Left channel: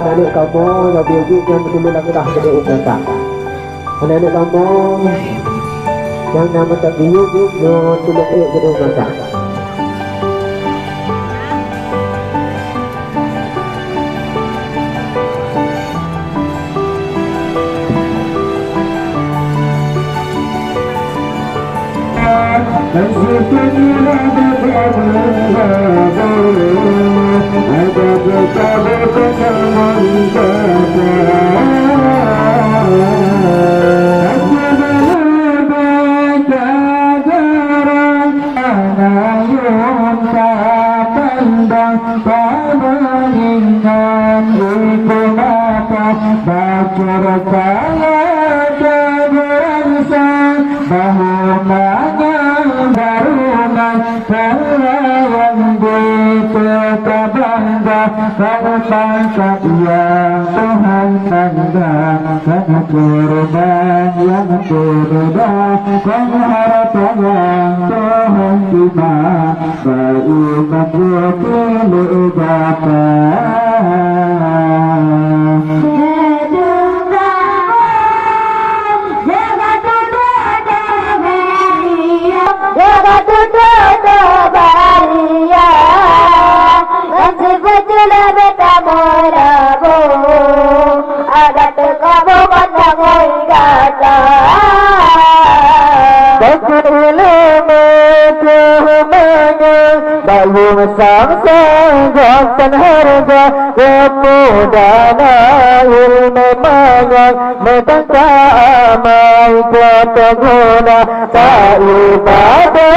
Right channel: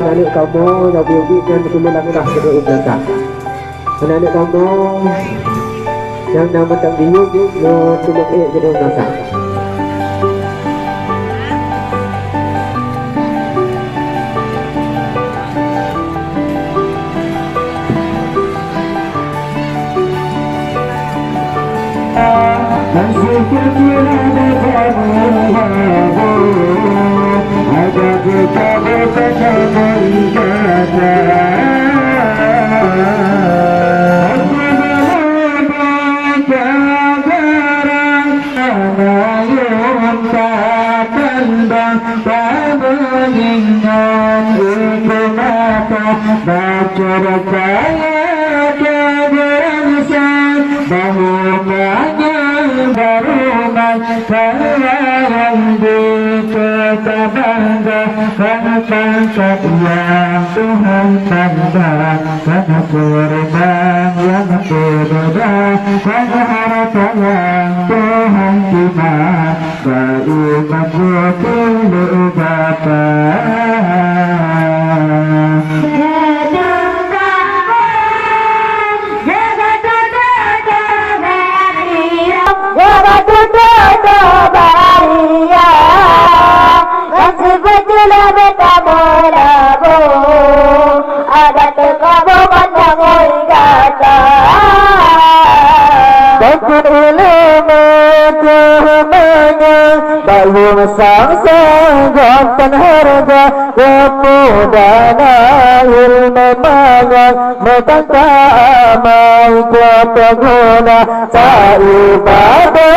Anak kamu yang bikin yang betul lagi dah kena ucapkan. Anak kamu yang nama tak biuk no tuluk kena ucapkan. Nasib kita ada kita bertemu kata aku berjalan ayam pandang pabingan ibu mata baca saya keberangsa bahu pangkat yang Tuhan tanda karena korban yang berbeda karena harapan yang Tuhan terima berumat berpuluh bapa. Dalam sang jantan harga kepudana ilmu banyak metaka amal kepeguna saibadah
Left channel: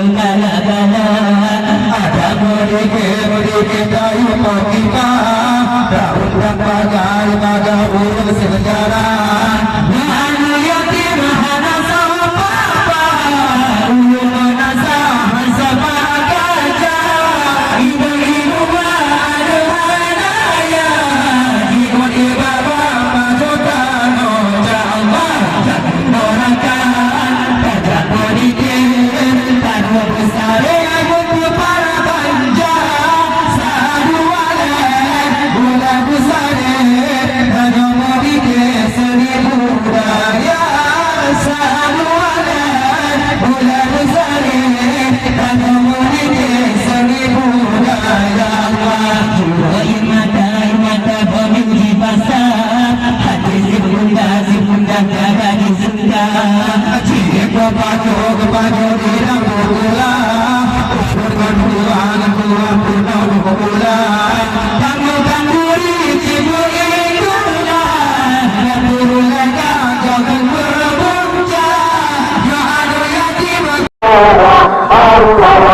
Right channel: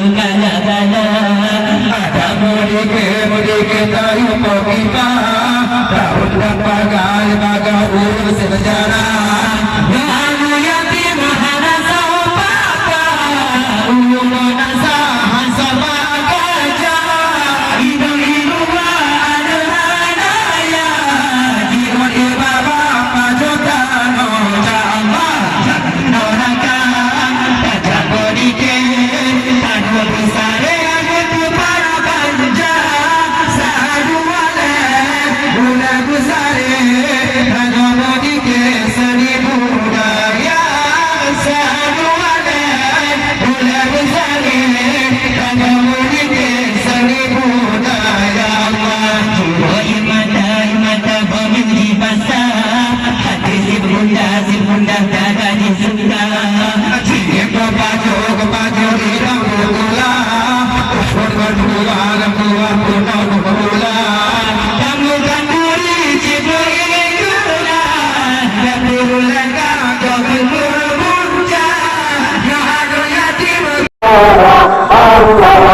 segala-gala. Ada mudik tahu kita, daun dan bagai urus sejarah. Malu yatim hana sama uyung nasa sama kaca. Ibu-ibu ada ya, ibu bapa pajoka no jamba, noraka tak mudik tak besar betul para banja. Saduale bulan besare hanya mudik seni budaya. Saduale bulan besare hanya mudik seni budaya. Jiwa mata pemilih basah, hati si bunda jaga di surga. Jika baju di dalam gula, surga dan Tuhan punya pemula. Temukan diri cibir gula, dan berulang kau berpunca. Yang ada yatim. Allah